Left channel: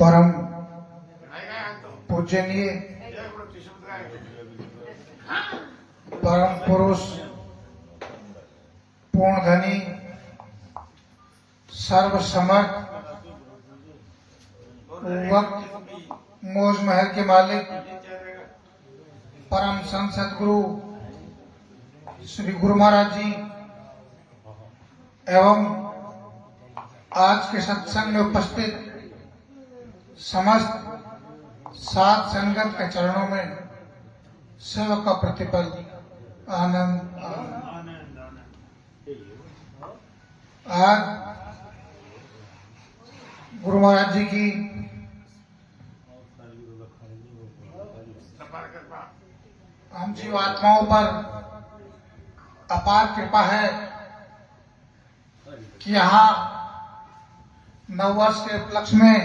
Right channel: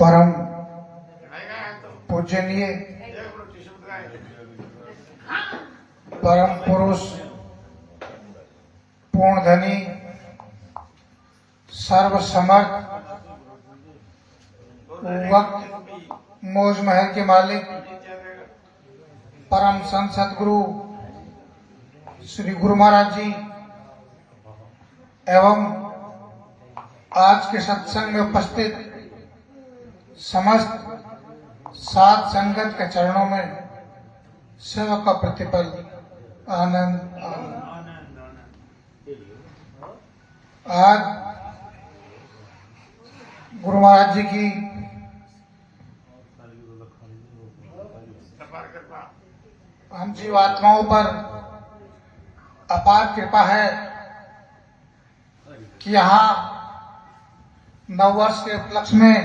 परम पूजनीय परम पुरुष पूर्णधनी सर्वसमर्थ वक्त मौज महल के मालिक परम संत सदगुरु श्री गुरु महाराज जी एवं आज के सत्संग में उपस्थित समस्त सात संगत के चरणों में सेवक का प्रतिपल आनंद आज गुरु महाराज जी की हम जीवात्माओं पर अपार कृपा है कि यहाँ नववर्ष के उपलक्ष्य में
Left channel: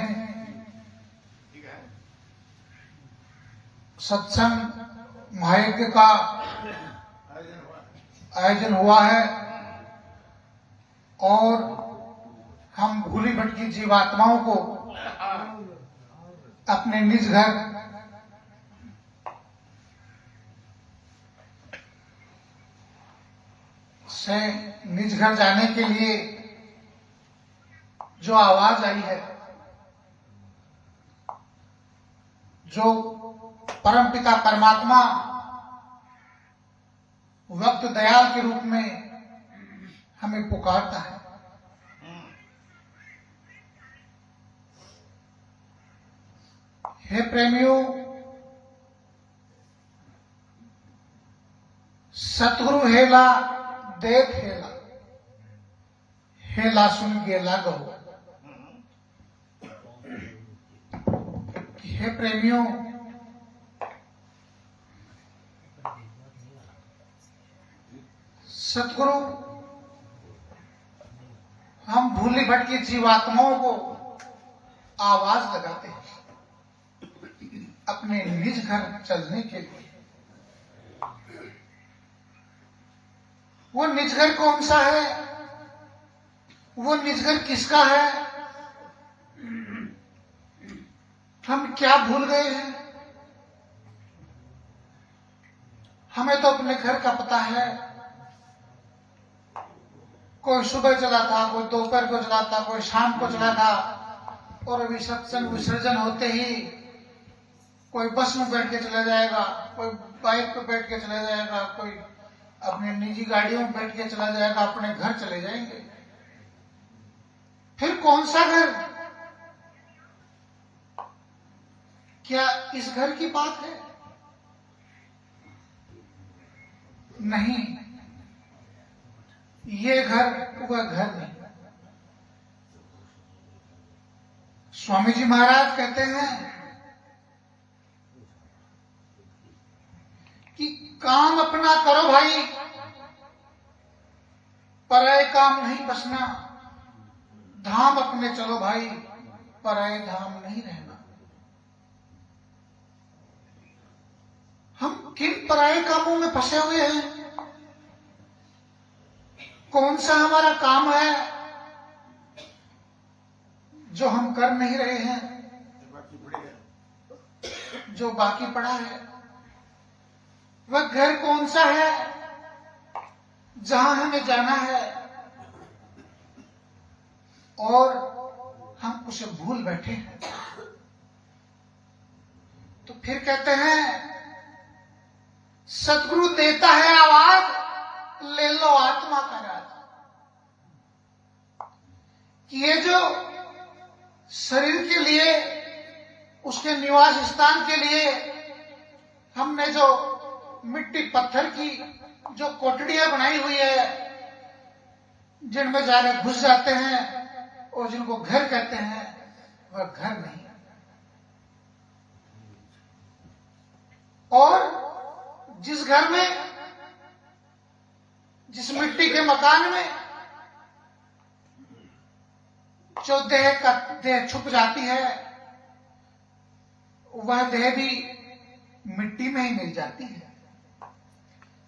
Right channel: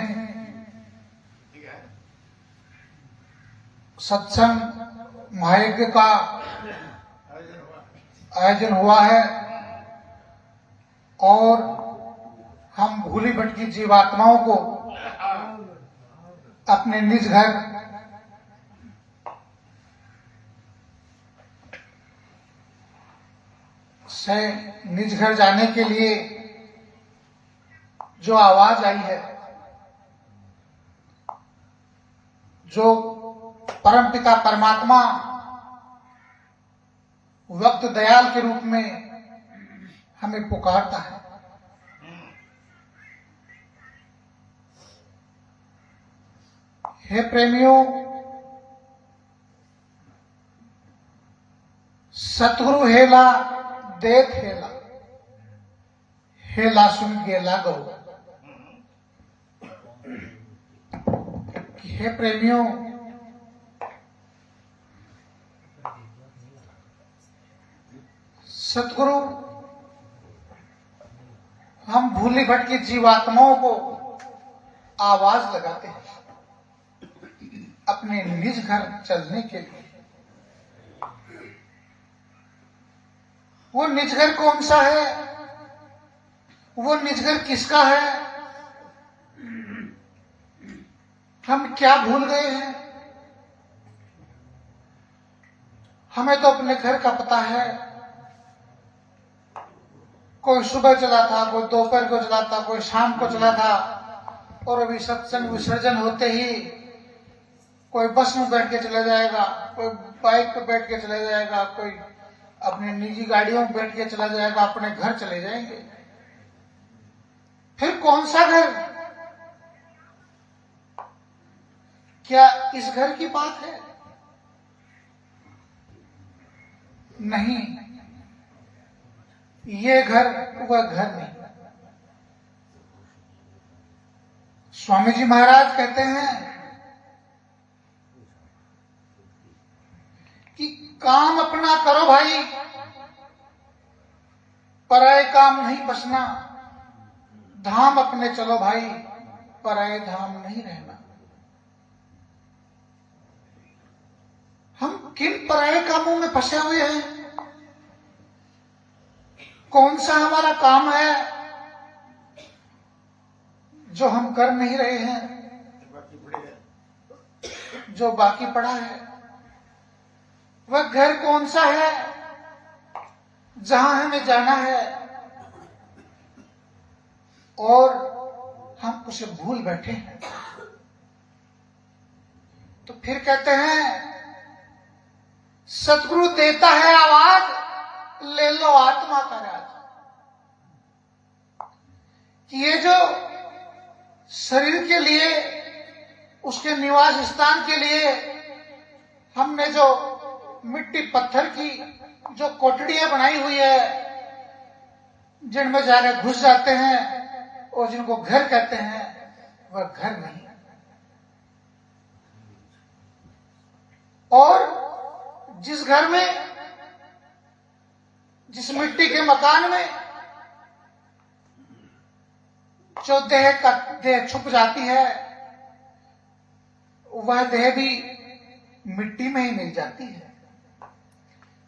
सत्संग महायज्ञ का आयोजन हुआ है और हम भूली भटकी जीवात्माओं को अपने निज घर से निज घर जाने के लिए जो आवाज आई है, जो परमपिता परमात्मा वक्त दयाल के रूप में हमें पुकारता है, हे प्रेमियों, सतगुरु हेला देत हेला, हेला सुन गेला गौ। हे प्रेमियों, सतगुरु हम भूली भटकी जीवात्माओं को आवाज लगाते हैं अपने निज घर चलने के लिए। वो निज घर कौन सा है? वो निज घर किसका है? हम क्या भूल गए हैं? हमें तो अपने घर का पता है। कोई सुबह चला था, कोई दोपहर को चला था, कोई शाम को चला था, और अभी सत्संग विसर्जन होते ही कोई बस में बैठ के चला जाएगा, कोई बाइक पे बैठ के चला जाएगा, कोई अपने निजी गाड़ियों में बैठ के चला जाएगा, अपने घर चले जाएंगे। फिर कौन सा घर? क्या इस घर की बात है? नहीं, ये घर वह घर नहीं। स्वामी जी महाराज कहते हैं कि काम अपना करो भाई, पराये काम नहीं बसना। धाम अपने चलो भाई, पराये धाम नहीं रहना। हम किन पराये कामों में फंसे हुए हैं? कौन सा हमारा काम है जो हम कर नहीं रहे हैं, जो बाकी पड़ा है? वह घर कौन सा है जहां हमें जाना है और हम उसे भूल बैठे हैं? तो फिर कहते हैं सतगुरु देता है आवाज, ले लो आत्मा का राज। कि ये जो शरीर के लिए, उसके निवास स्थान के लिए हमने जो मिट्टी पत्थर की जो कोठड़ियां बनाई हुई है, जिनमें जाने घुस जाते हैं और जिनको घर कहते हैं, वह घर नहीं है। और जिस घर में, जिस मिट्टी के मकान में जो देह छुप जाती है, वह देह भी मिट्टी में ही मिल जाती है।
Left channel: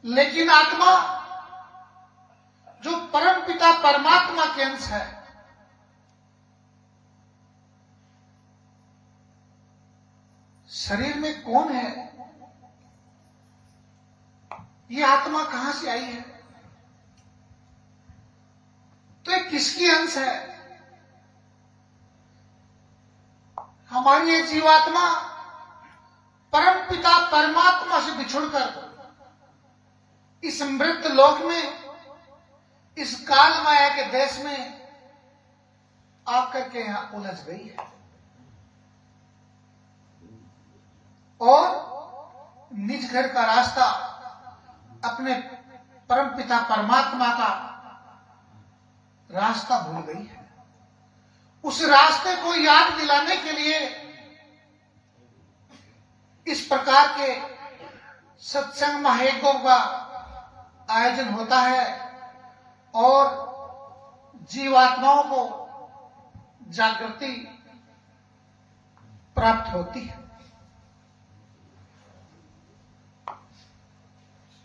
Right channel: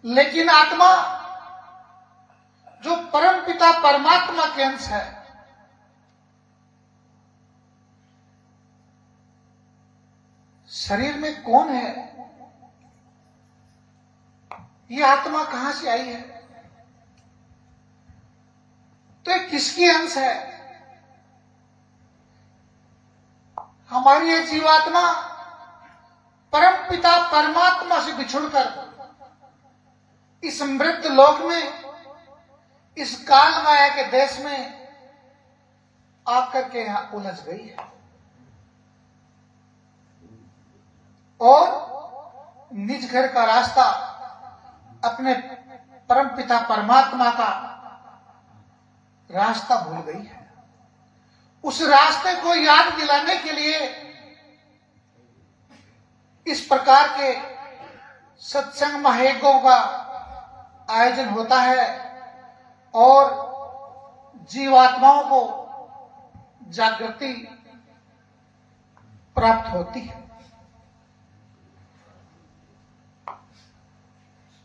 लेकिन आत्मा जो परम पिता परमात्मा के अंश है, शरीर में कौन है, ये आत्मा कहां से आई है, तो ये किसकी अंश है। हमारी ये जीवात्मा परम पिता परमात्मा से बिछुड़कर इस मृत लोक में, इस काल माया के देश में आकर के यहां उलझ गई है और निज घर का रास्ता, अपने परम पिता परमात्मा का रास्ता भूल गई है। उस रास्ते को याद दिलाने के लिए इस प्रकार के सत्संग महायज्ञों का आयोजन होता है और जीवात्माओं को जागृति प्राप्त होती है।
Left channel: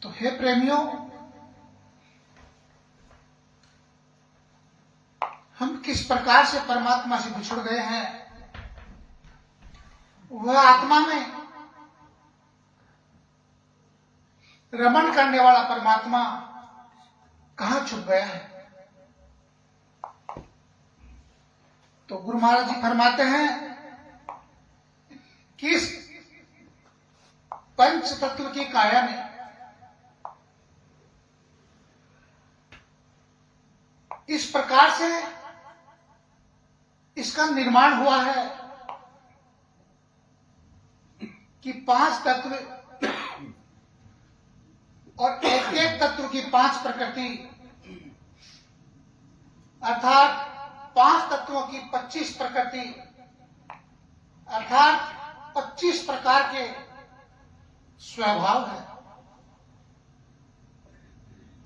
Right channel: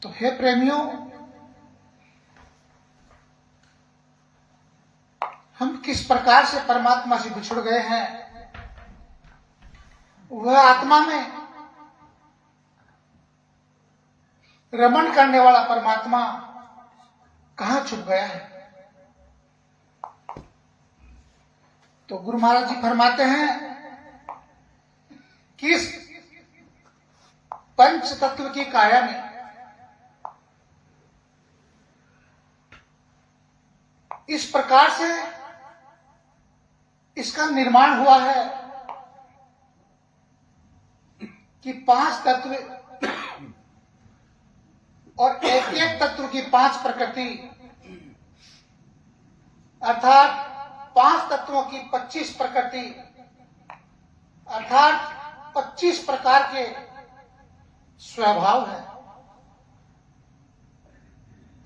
तो हे प्रेमियों, हम किस प्रकार से परमात्मा से बिछुड़ गए हैं, वह आत्मा में रमण करने वाला परमात्मा कहां छुप गया है। तो गुरु महाराज जी फरमाते हैं कि इस पंच तत्व की काया में इस प्रकार से इसका निर्माण हुआ है कि 5 तत्व और एक एक तत्व की 5 प्रकृति, अर्थात 5 तत्वों की 25 प्रकृति, अर्थात 25 प्रकार के स्वभाव है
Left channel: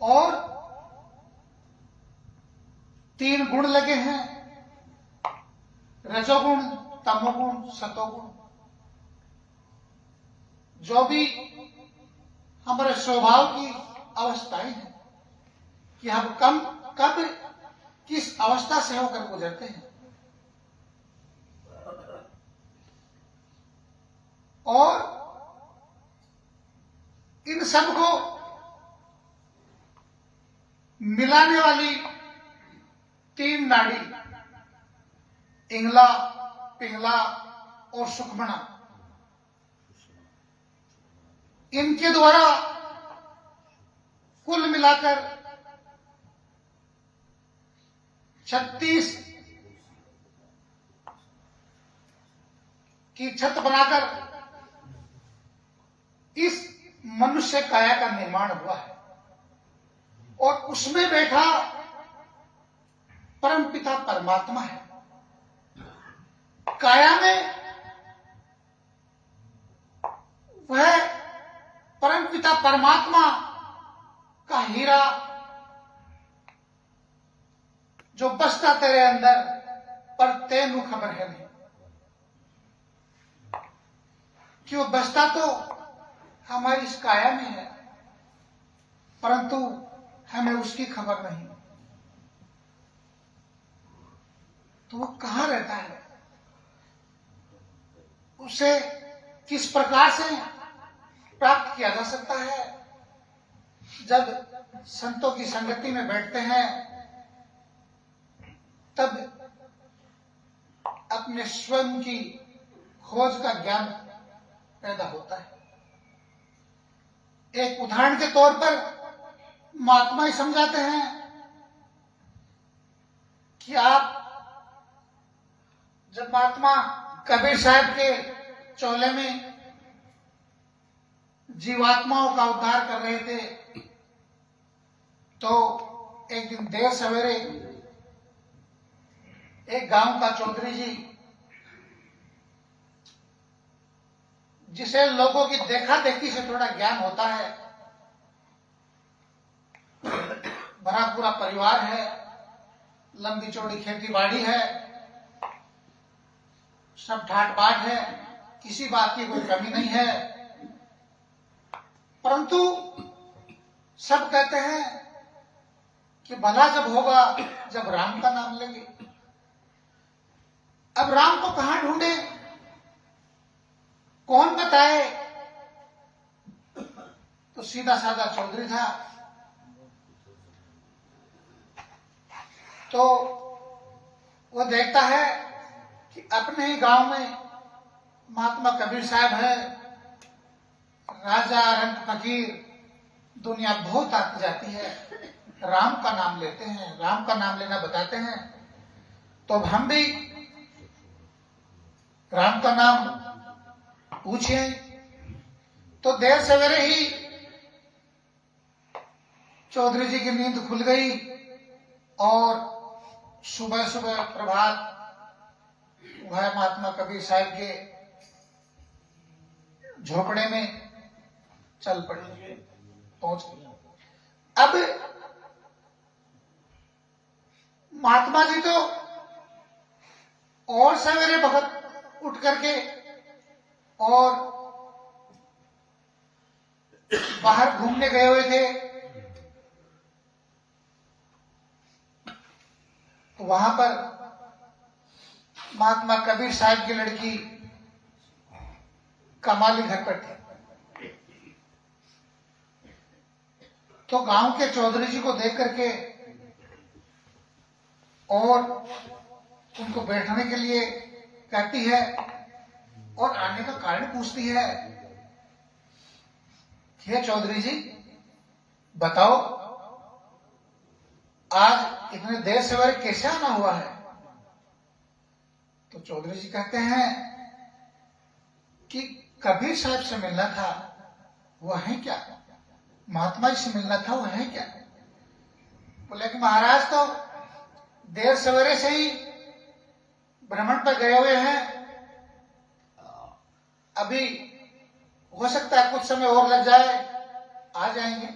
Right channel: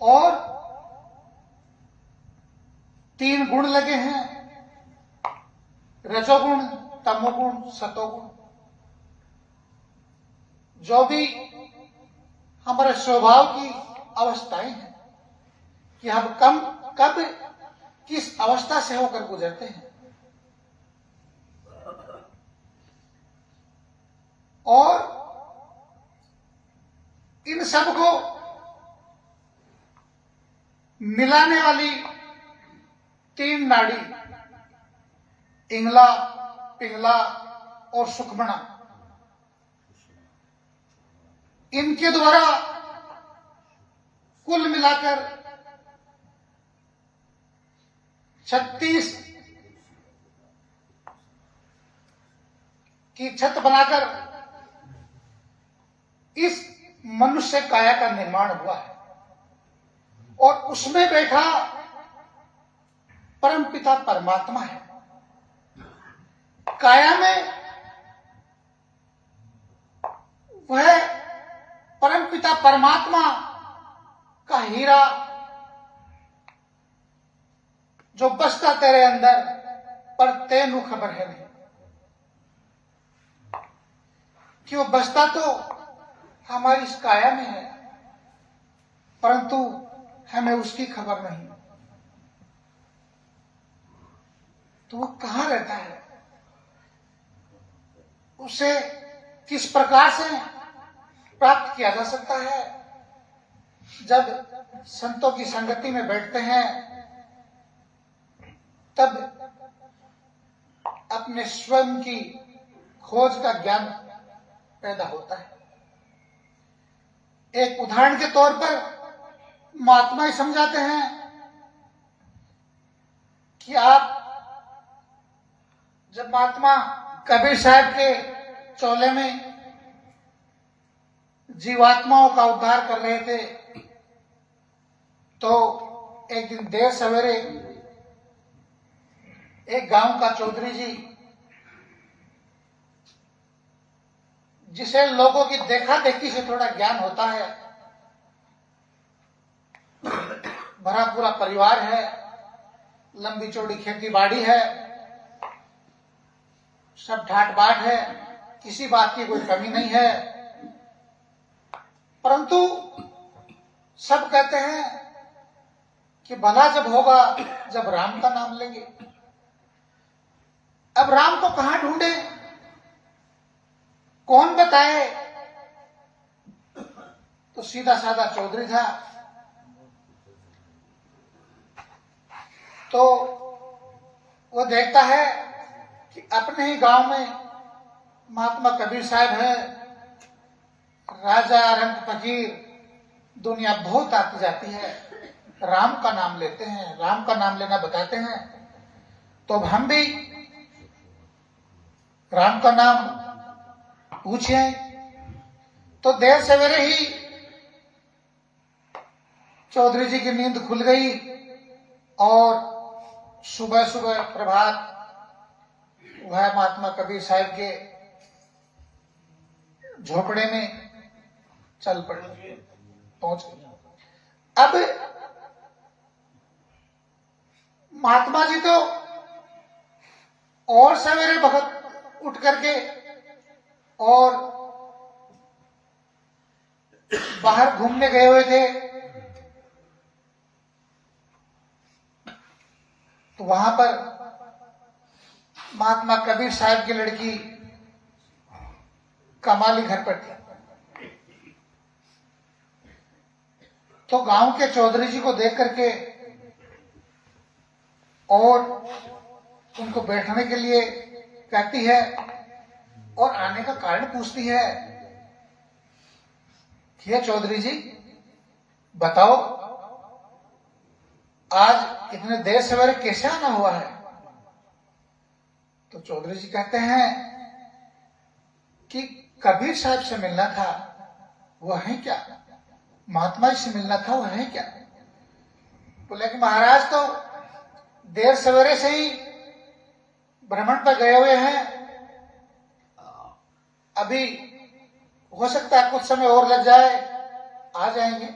और 3 गुण लगे हैं, रजोगुण, तमोगुण, सतोगुण, जो भी हमारे स्वभाव की अवस्थाएं हैं कि हम कब किस अवस्था से होकर गुजरते हैं। और इन सब को मिलाने वाली 3 नाड़ी, इंगला, पिंगला और सुषुम्ना, इनके द्वारा कुल मिलाकर 36 की छत बनाकर इस मनुष्य काया का निर्माण हुआ है और उसमें बैठा परम पिता परमात्मा है। काया में वह परम पिता परमात्मा का हीरा जो बसता तेरे अंदर, पर तेनू खबर है नहीं कि वो बसता तो हमारी इस काया में है, परंतु हमें उसकी खबर नहीं। तो वो कहां रहता है, उसे किस प्रकार से प्राप्त किया जा सकता है। जब संतों की संगति में बैठते हैं तब अपने स्वयं की खोज का ज्ञान पैदा होता है। एक उदाहरण के तौर पर महात्मा ही समझाते हैं कि आप जब महात्मा कबीर साहब के चोले में जीवात्माओं का उद्धार कर रहे थे तो एक दिन देर सवेरे एक गांव का चौधरी जी, जिसे लोगों की देखा देखी से थोड़ा ज्ञान होता है, भरा पूरा परिवार है, लंबी चौड़ी खेती बाड़ी है, सब ठाट बाट है, किसी बात की कोई कमी नहीं है, परंतु सब कहते हैं कि भला जब होगा जब राम का नाम लेंगे। अब राम को कहां ढूंढे, कौन बताए? तो सीधा साधा चौधरी था। तो वो देखता है कि अपने ही गांव में महात्मा कबीर साहब है, राजा रंग फकीर, दुनिया बहुत आती जाती है, राम का नाम लेते हैं, राम का नाम लेना बताते हैं, तो अब हम भी राम का नाम पूछें। तो देर सवेरे ही चौधरी जी की नींद खुल गई और सुबह सुबह प्रभात वह महात्मा कबीर साहब के झोपड़े में चल पड़े, पहुंच गए। अब महात्मा जी तो और सवेरे वक्त उठ करके और बाहर घूमने गए हुए थे। तो वहां पर महात्मा कबीर साहब की लड़की कमाली घर पर थी। तो गांव के चौधरी जी को देख करके और उनको बैठने के लिए कहती है और आने का कारण पूछती है कि हे चौधरी जी बताओ, आज इतने देर सवेरे कैसे आना हुआ है? तो चौधरी जी कहते हैं कि कबीर साहब से मिलना था, वो है क्या? महात्मा जी से मिलना था, वो है क्या? बोले कि महाराज तो देर सवेरे से ही भ्रमण पर गए हुए हैं, अभी हो सकता है कुछ समय और लग जाए, आ जाएंगे।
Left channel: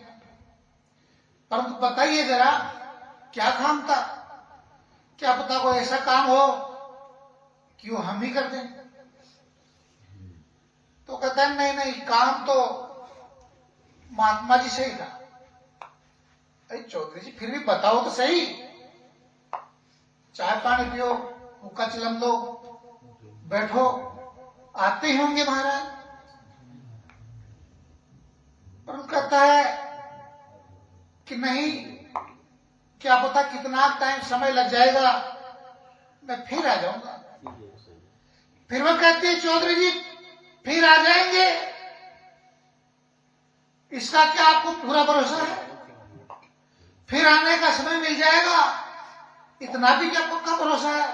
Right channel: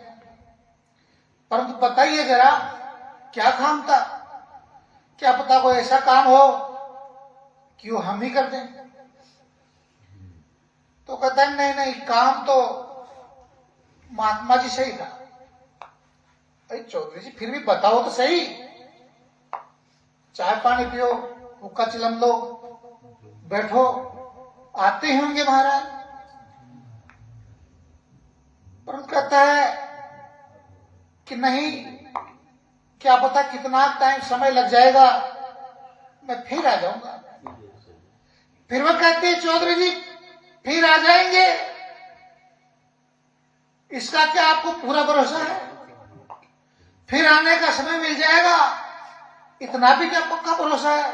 परंतु बताइए जरा क्या काम था, क्या पता कोई ऐसा काम हो कि वो हम ही कर दें। तो कहते हैं नहीं नहीं, काम तो महात्मा जी से ही था। अरे चौधरी जी फिर भी बताओ तो सही, चाय पानी पियो, हुक्का चिलम लो, बैठो, आते होंगे महाराज। पर कहता है कि नहीं, क्या पता कितना टाइम समय लग जाएगा, मैं फिर आ जाऊंगा। फिर वो कहते हैं चौधरी जी फिर आ जाएंगे, इसका क्या आपको पूरा भरोसा है? फिर आने का समय मिल जाएगा, इतना भी क्या पक्का भरोसा है?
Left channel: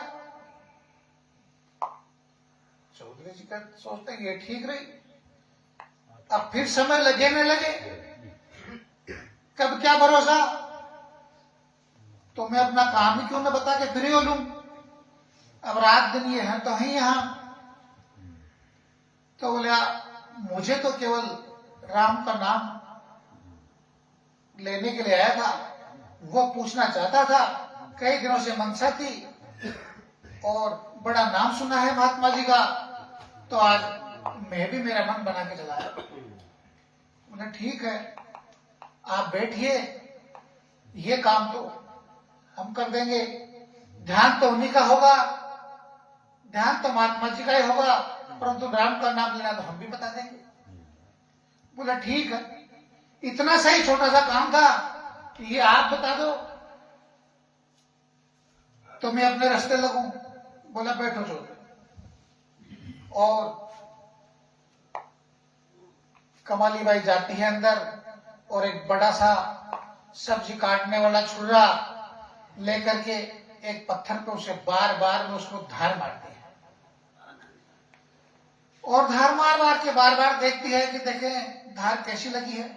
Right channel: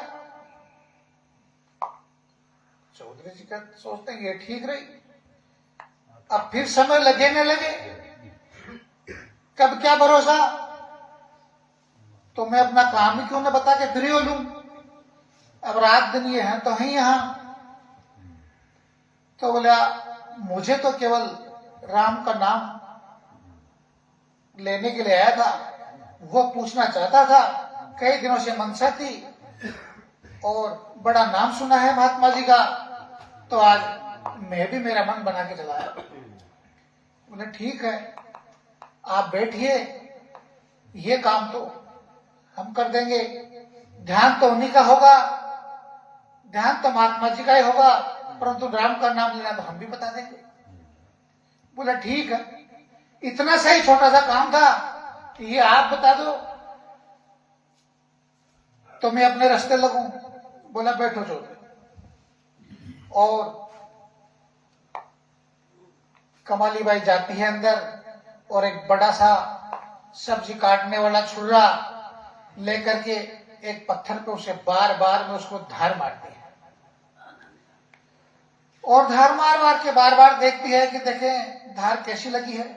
चौधरी जी का सोचते हैं ये ठीक रही, अब फिर समय लगे न लगे, कब क्या भरोसा? तो मैं अपना काम ही क्यों न बता के फ्री हो लूं, अब रात दिन ये है तो ही यहां। तो बोला मुझे तो केवल राम का नाम लेने के लिए आया था, वो पूछना चाहता था, कई दिनों से मनसा थी और बड़ा नाम सुना है महात्मा जी का, तो आज मैं भी मेरा मन बना के चला आया। बोले ठीक है, आप बैठिए, ये काम तो हम कर देंगे, ध्यान तो उन्हीं का होगा, ध्यान तो महात्मा जी का ही होगा, परंतु राम का नाम लेना तो हम भी बता देंगे। बोला ठीक है, इतना सा ही छोटा सा काम था कि ये आप बता दो तो मैं अपने रास्ते लगूं। बोला बैठो चौधरी। और कमाली बाई जाती है अंदर और एक बड़ा सा सब्जी काटने वाला छुरा लेकर के एक पत्थर पे उसे बार बार में उसको धार मारती है और धार मार मार के बार बार देखती है कि देखें धार कैसी लगी है।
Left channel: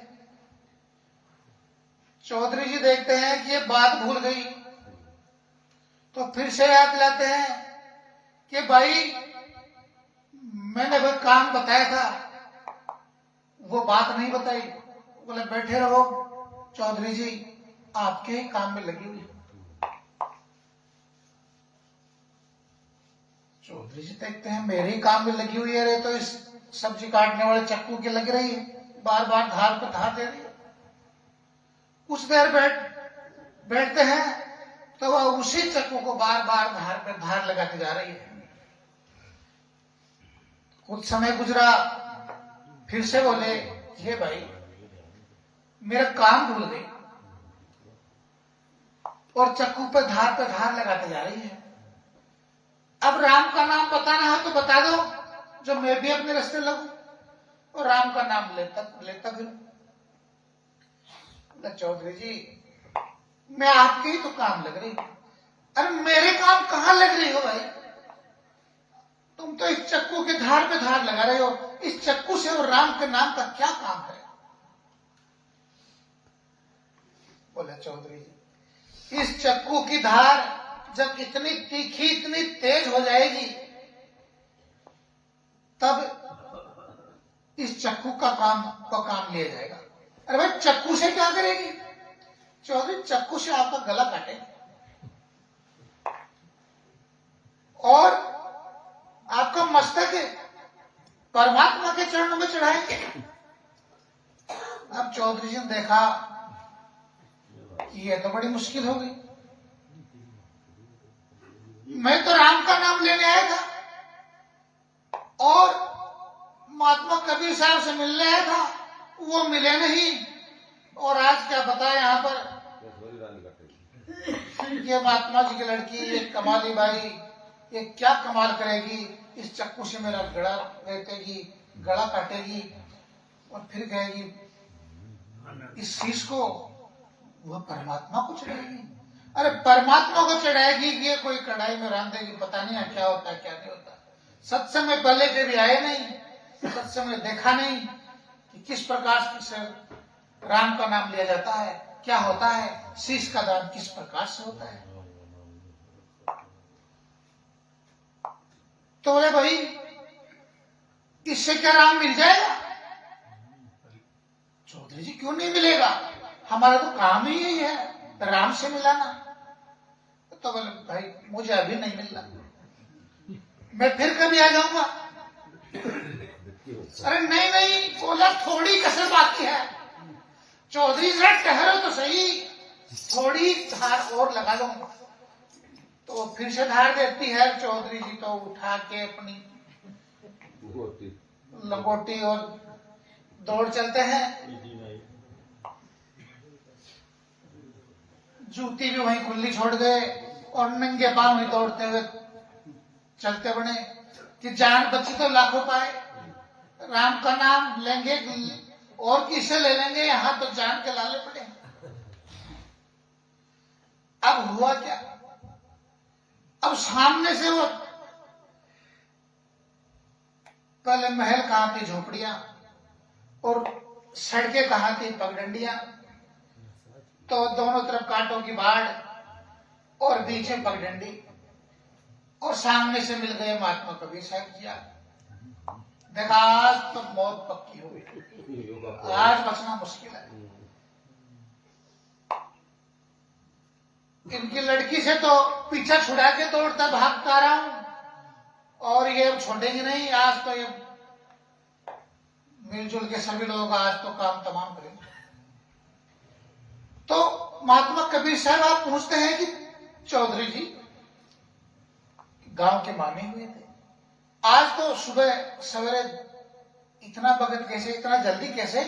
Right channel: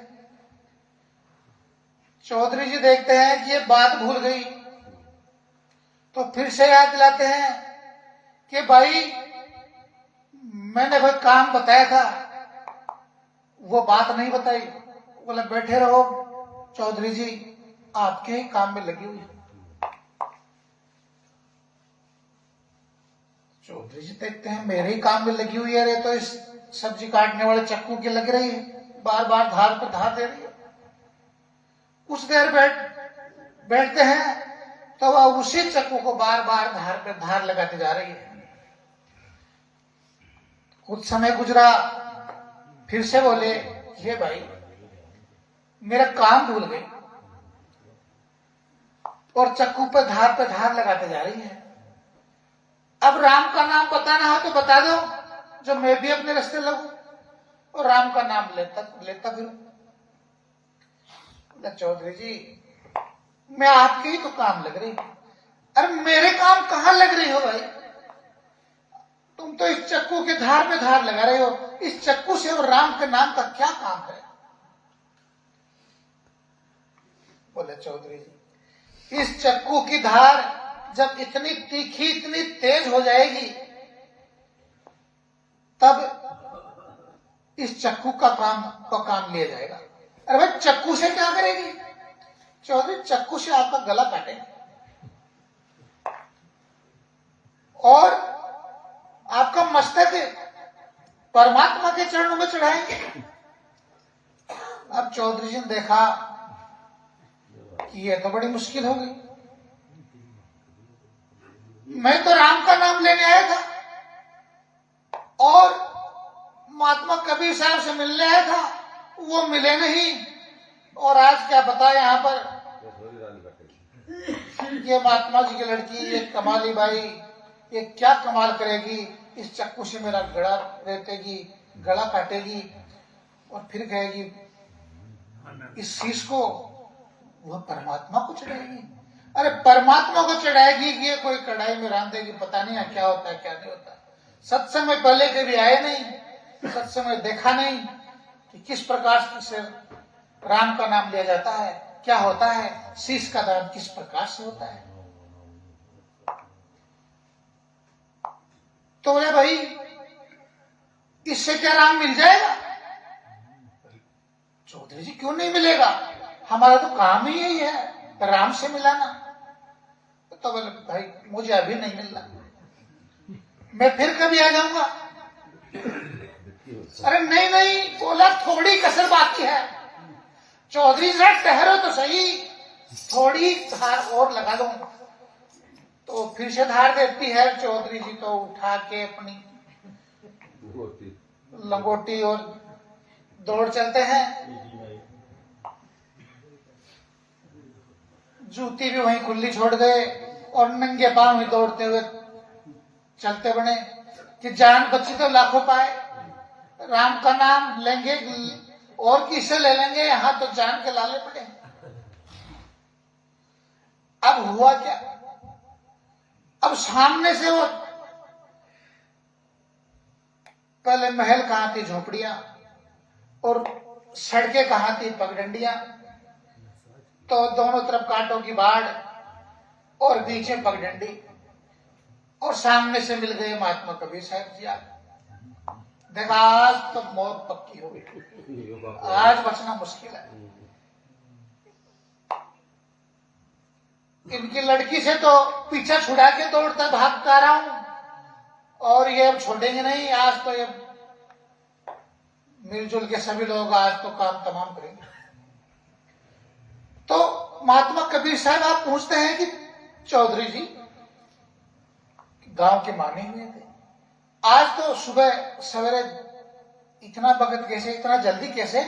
चौधरी जी देखते हैं कि ये बात भूल गई, तो फिर से याद दिलाते हैं कि भाई मैंने भाई काम बताया था, वो बात नहीं बताई। बोले बैठे रहो चौधरी जी, आपके ही काम में लगी हुई। चौधरी जी देखते हैं मेरे ही काम में लगी हुई है, रे तो इस सब्जी काटने वाले चक्कू की लग रही है, बार बार धार पर धार दे रही है। कुछ देर बैठते हैं तो वह उसी चक्कू को बार बार धार पे धार लगाते जा रही है। कुछ समय गुजरा, फिर से बोले, ये भाई मेरा काम भूल गई और चक्कू पे धार लगाते जा रही है। अब राम का नाम बताना हो तो बता दो, जो मैं भी अपने रास्ते लगूं और राम का नाम लेता फिरूं। चौधरी जी, मैं आपके ही तो काम लग रही। अरे मेरे काम कहां लग रही हो भाई? तुम तो इस चक्कू के धार पे धार लगा रहे हो। इस चक्कू से और राम के नाम का क्या काम है? बोले, चौधरी जी, इस चक्कू की धार जब इतनी तीखी, इतनी तेज हो जाएगी, तब इस चक्कू का काम लिया जाएगा। अरे भाई, चक्कू से क्या करेगी? चौधरी, चक्कू से आपका गला काटेगा और आपका मस्तक परमात्मा के चरणों में चढ़ाएंगे। अब चौधरी जी ने देखा कि ये तो बड़ी मुश्किल होगी। मैं तो राम का नाम लेने आया था और महात्मा कबीर साहब से मिलने आया था, वो मिले नहीं। और आज क्या पता यहाँ पर ये महात्मा जी की लड़की, ये कमाली बाई, ये क्या कमाल करेगी? इस चक्कू से मेरा गला रेतेगी, गला काटेगी और फिर कहेगी इस शीश को वह परमात्मा को चढ़ाएगी। अरे परमात्मा को चढ़ाएगी, ये कोई कढ़ाई में रांध देगी, पता नहीं क्या होता है क्या नहीं होता। सत्संग में पहले कभी आए नहीं, सत्संग में देखा नहीं कि किस प्रकार से राम का नाम लिया जाता है, क्या होता है, शीश का दान किस प्रकार से होता है। तो बोले, भाई इससे क्या राम मिल जाएगा? चौधरी जी, क्यों नहीं मिलेगा? हमारा तो काम ही यही है, राम से मिलाना। तो बोले, भाई मुझे अभी नहीं मिल रहा, मैं फिर कभी आ जाऊंगा। अरे नहीं नहीं, बोला थोड़ी कसर बाकी है। चौधरी जरा ठहरो तो सही, थोड़ी धार और लगा दो। तो फिर से धार देती है। चौधरी जी तो उठा के अपनी लंगोटी और दौड़ चलते हैं। जूती भी वहीं खुली छोड़ गए और नंगे पांव ही दौड़ते हुए चलते बने कि जान बची तो लाखों पाए। राम का नाम लेंगे और किसे ले लेंगे, यहां तो जान के लाले पड़े। अब हुआ क्या? अब सामने से वो पहले महल कहां थी झोपड़ियां और सड़कें कहां थी पगडंडियां। तो दोनों तरफ कांटों की बाढ़ और बीच में पगडंडी और सामने से मिल गए महात्मा कबीर साहब जी। देखा, आज तो मौत पक्की हो गई, आज बचना मुश्किल है। इनकी लड़की से तो पीछा छुड़ा के दौड़ता भागता रहा हूं और ये अब छोड़ेंगे नहीं। आज तो ये मिलजुल के सभी लोग आज तो काम तमाम करेंगे। तो महात्मा कबीर साहब आप पूछते हैं कि चौधरी जी गांव के माने हुए थे, आज तो सुबह सवेरे इतना बगत कैसे, इतना जल्दी कैसे?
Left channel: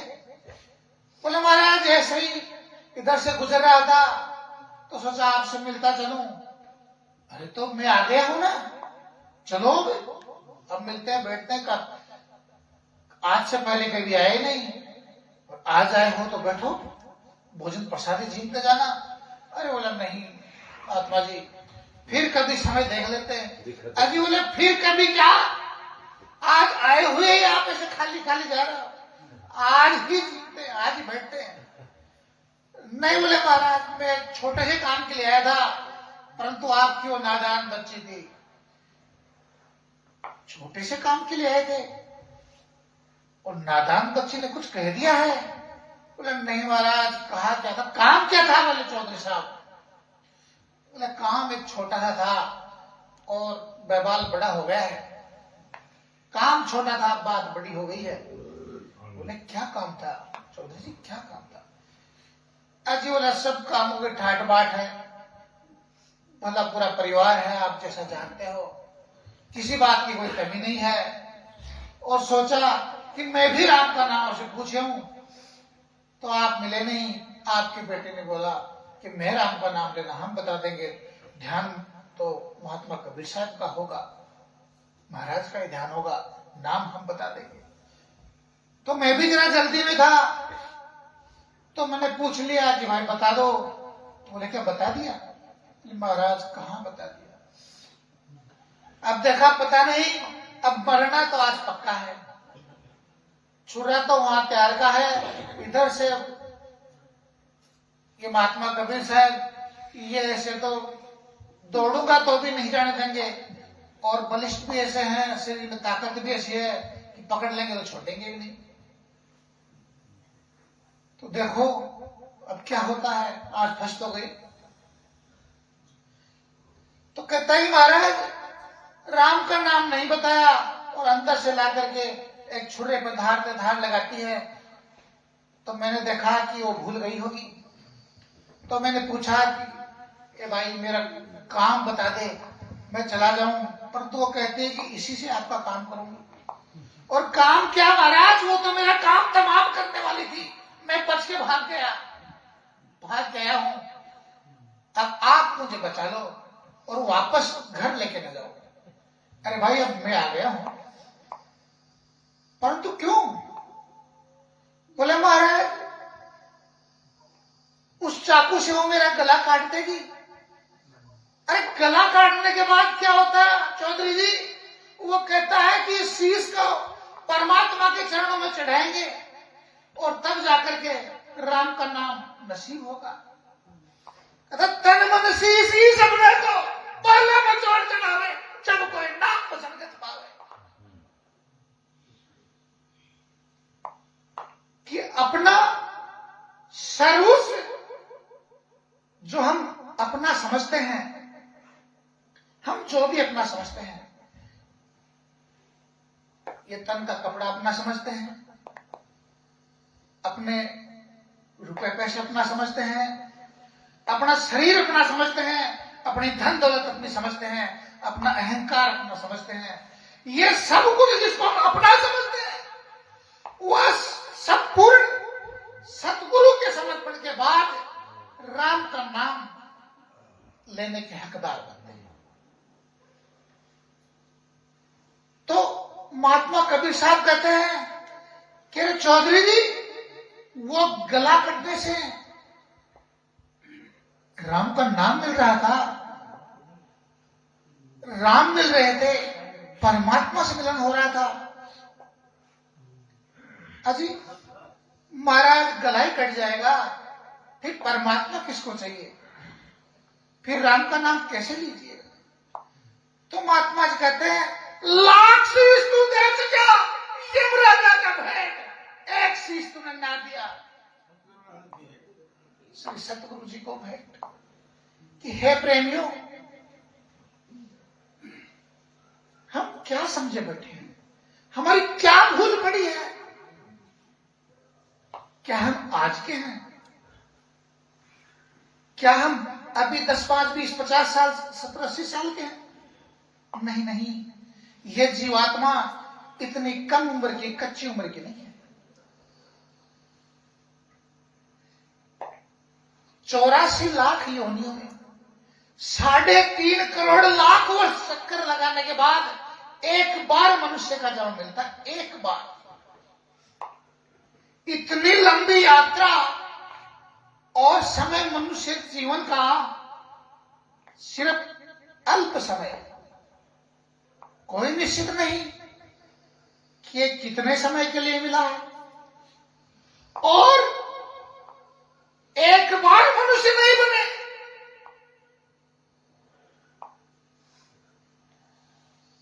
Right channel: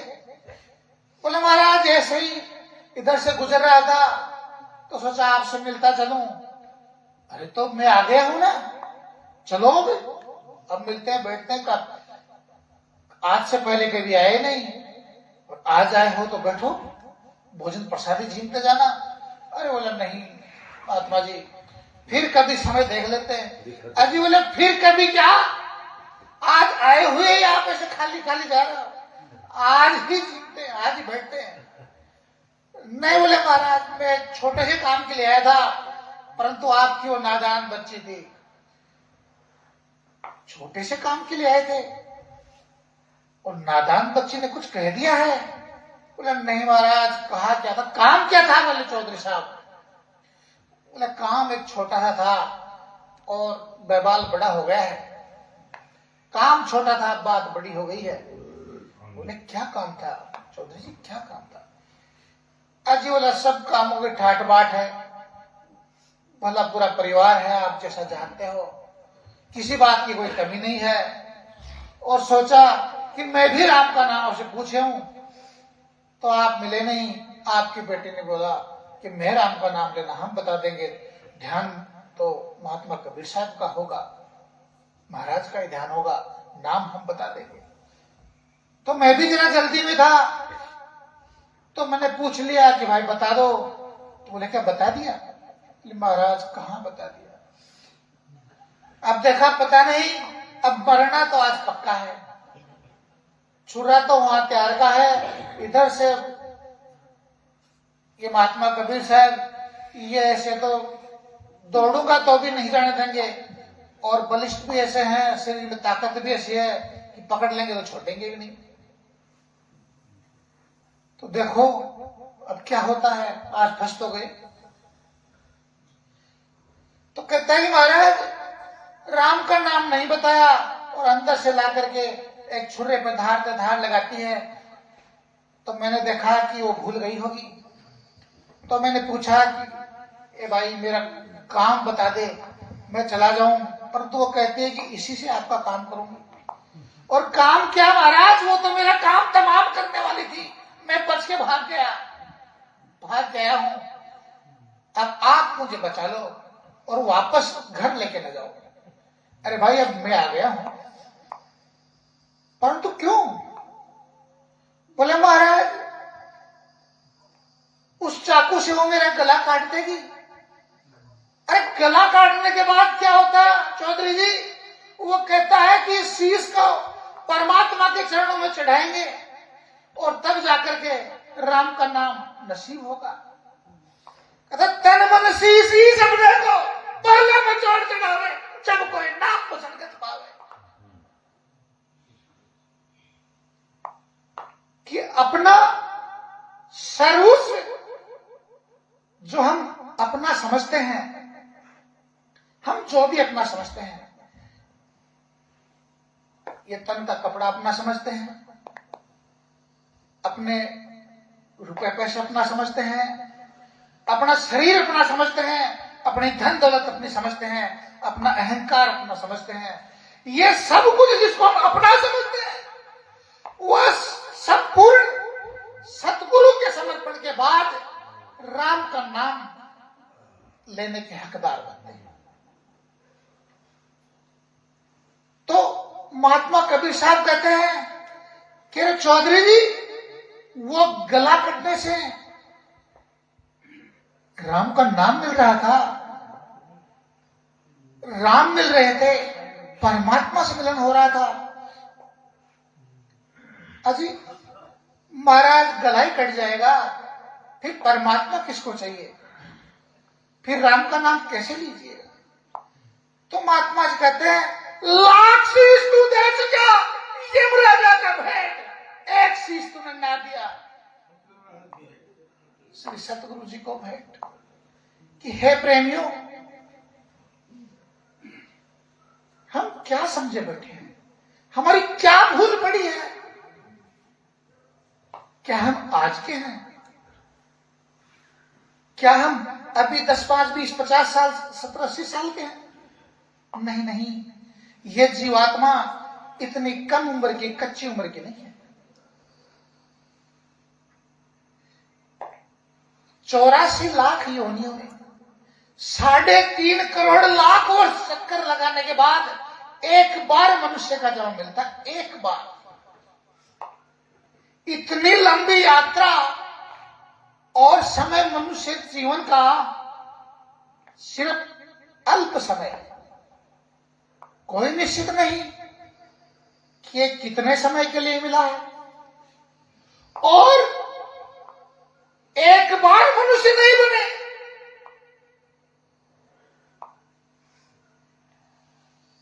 बोले, महाराज ऐसे ही इधर से गुजर रहा था तो सोचा आपसे मिलता चलूं। अरे तो मैं आ गया हूं ना, चलो अब मिलते हैं, बैठते हैं। आज से पहले कभी आए नहीं और आज आए हो तो बैठो, भोजन प्रसादी झीमते जाना। अरे बोला, नहीं महात्मा जी, फिर कभी समय देख लेते हैं। अभी बोले, फिर कभी क्या? आज आए हुए यहाँ पे से खाली खाली जा रहा हो, आज ही जीतते, आज ही बैठते हैं। नहीं बोले, महाराज मैं छोटे से काम के लिए आया था, परंतु आपकी वो नादान बच्ची थी। छोटे से काम के लिए आए थे और नादान बच्ची ने कुछ कह दिया है? बोले, नहीं महाराज, कहा क्या था? काम क्या था? बोले चौधरी साहब, बोले काम एक छोटा सा था और बवाल बड़ा हो गया है। काम छोटा था, बात बड़ी हो गई है। बोले, क्या काम था चौधरी जी, क्या काम था? अजी बोला, सब कामों की ठाट बाट है, भला पूरा परिवार है, आप जैसा जानते हो, किसी बात की कोई कमी नहीं है। और सोचा कि मैं भी राम का नाम आपसे पूछे हूं, तो आप मिले नहीं। आपकी बेटी ने बोला कि मैं राम का नाम लेना हम बता देंगे, ध्यान तो महात्मा कबीर साहब का होगा, महाराज का ही ध्यान होगा, नाम हम बता देंगे। तो मैं भी जरा जल्दी में था, तो मैंने पूछ लिया कि भाई बता दो। तो बोले क्या बता दिया? महाराज कहाँ बता दिया, अब देखा पता नहीं, अब मरना तो आज पक्का है, छुरा तो वहां तैयार का है। इधर से ये महात्मा कबीर साहब ये ऐसे तो दौड़ूंगा तो भी नहीं जाने देंगे, और बलिष्ठ भी ऐसे हैं, शरीर में ताकत भी ऐसी है कि पकड़ लेंगे तो छोड़ेंगे भी नहीं। तो देखो अब क्या होता है, आज फंस तो गए। तो कहता ही महाराज राम का नाम नहीं बताया, और अंदर से ला करके एक छुरे पे धार लगाती है। तो मैंने देखा कि वो भूल गई होगी। तो मैंने पूछा कि ए भाई मेरा काम बता दे, मैं चला जाऊं। पर तो वो कहते हैं कि इसी से आपका काम करूंगी। और काम क्या महाराज, वो तो मेरा काम तमाम करने वाली थी, मैं बच के भाग गया हूं। अब आप मुझे बचा लो और वापस घर लेके न जाओ। अरे भाई अब मैं आ गया हूं, परंतु क्यों? बोले महाराज उस चाकू से वो मेरा गला काट देगी। अरे गला काटने के बाद क्या होता है चौधरी जी? वो कहता है कि शीश को परमात्मा के चरणों में चढ़ाएंगे और तब जाकर के राम का नाम नसीब होगा। तन मन शीश ही सबने को पहले में जोड़ के डाले, जब कोई नाम पसंद कर पावे। कि अपना सर्वस्व जो हम अपना समझते हैं, हम जो भी अपना समझते हैं, ये तन का कपड़ा अपना समझते हैं, अपने रुपए पैसे अपना समझते हैं, अपना शरीर अपना समझते हैं, अपनी धन दौलत अपनी समझते हैं, अपना अहंकार अपना समझते हैं। ये सब कुछ जिसको हम अपना समझते हैं, वह संपूर्ण सतगुरु के समर्पण के बाद राम का नाम लेने के हकदार बनते हैं। तो महात्मा कबीर साहब कहते हैं कि चौधरी जी वो गला कटने से राम का नाम मिल रहा था, राम मिल रहे थे, परमात्मा से मिलन हो रहा था। अजी महाराज गला ही कट जाएगा, फिर परमात्मा किसको चाहिए, फिर राम का नाम कैसे लीजिएगा? तो महात्मा जी कहते हैं लाख शीश तू दे चुका, यमराजा का भेंट एक शीश तूने ना दिया। श्री सतगुरु जी को भेंट कि हे प्रेमियों, हम क्या समझे बैठे हैं, हमारी क्या भूल पड़ी है? क्या हम आज के हैं? क्या हम अभी 10, 5, 20, 50 साल 70, 80 साल के हैं? नहीं, ये जीवात्मा इतनी कम उम्र की, कच्ची उम्र की नहीं है। 84 लाख योनियों में 3.5 करोड़ लाख वर्ष चक्कर लगाने के बाद एक बार मनुष्य का जन्म मिलता है, एक बार। इतनी लंबी यात्रा और समय मनुष्य जीवन का सिर्फ अल्प समय, कोई निश्चित नहीं कि ये कितने समय के लिए मिला है। और एक बार मनुष्य नहीं बने,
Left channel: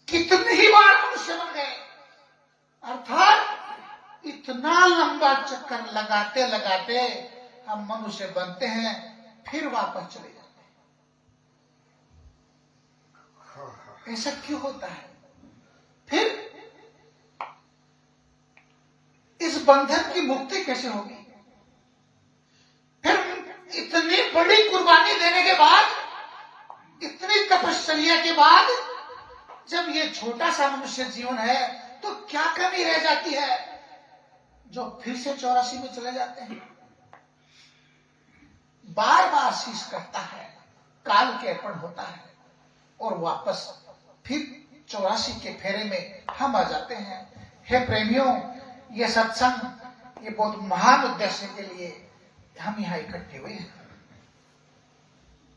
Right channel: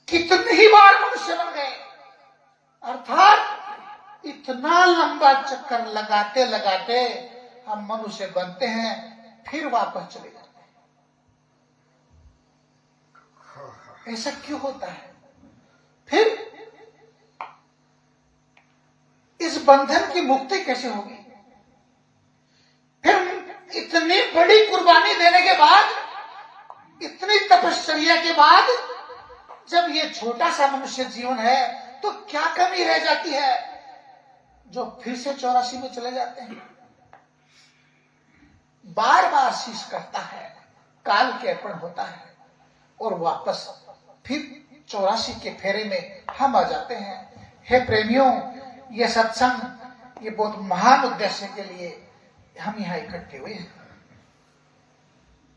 कितनी ही बार मनुष्य बन गए। अर्थात इतना लंबा चक्कर लगाते लगाते हम मनुष्य बनते हैं, फिर वापस चले जाते हैं। ऐसा क्यों होता है? फिर इस बंधन की मुक्ति कैसे होगी? फिर इतनी बड़ी कुर्बानी देने के बाद, इतनी तपश्चर्या के बाद, जब ये छोटा सा मनुष्य जीवन है, तो क्या कमी रह जाती है जो फिर से 84 में चले जाते हैं? बार बार शीश करता है, काल के अर्पण होता है और वापस फिर 84 के फेरे में हम आ जाते हैं। हे प्रेमियों, ये सत्संग ये बहुत महान उद्देश्य के लिए हम यहाँ इकट्ठे हुए हैं,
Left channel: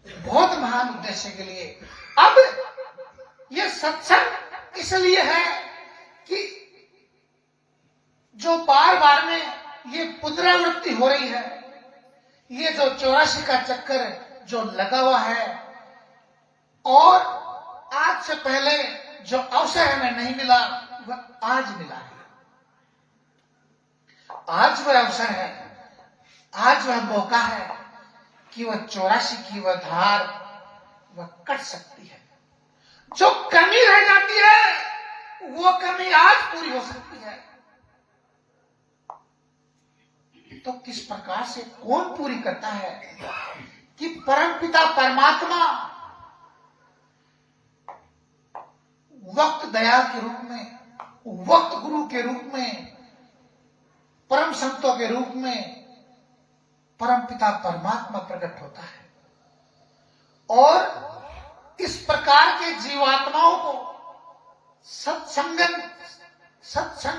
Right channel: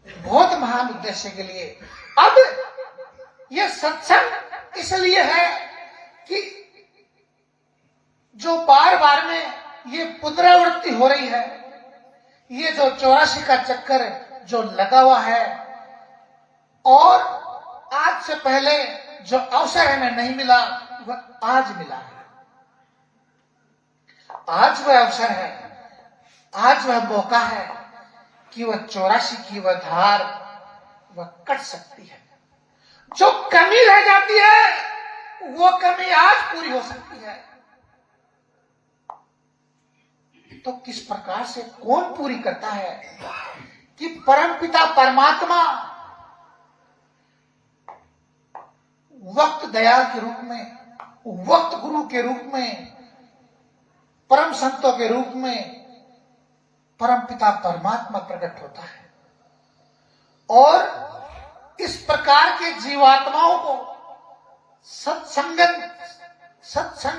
बहुत महान उद्देश्य के लिए। अब ये सत्संग इसलिए है कि जो बार बार में ये पुनरावृत्ति हो रही है, ये जो 84 का चक्कर जो लगा हुआ है, और आज से पहले जो अवसर हमें नहीं मिला वह आज मिला है। आज वह अवसर है, आज वह मौका है कि वह 84 की वह धार वह कट सकती है। जो कमी रह जाती है वो कमी आज पूरी हो सकती है। तो किस प्रकार से कौन पूरी करता है कि परमपिता परमात्मा वक्त दयाल के रूप में, वक्त गुरु के रूप में, परम संतों के रूप में परमपिता परमात्मा प्रकट होता है और इस प्रकार के जीवात्माओं को सत्संग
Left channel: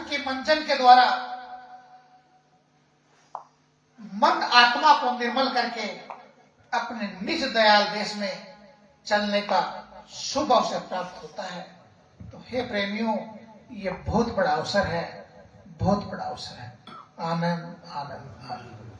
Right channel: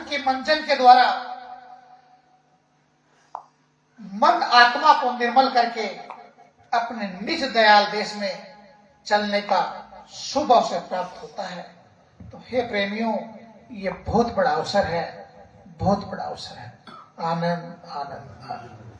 के मंजन के द्वारा मन आत्मा को निर्मल करके अपने निज दयाल देश में चलने का शुभ अवसर प्राप्त होता है। तो हे प्रेमियों, ये बहुत बड़ा अवसर है, बहुत बड़ा अवसर है। आनंद आनंद आनंद।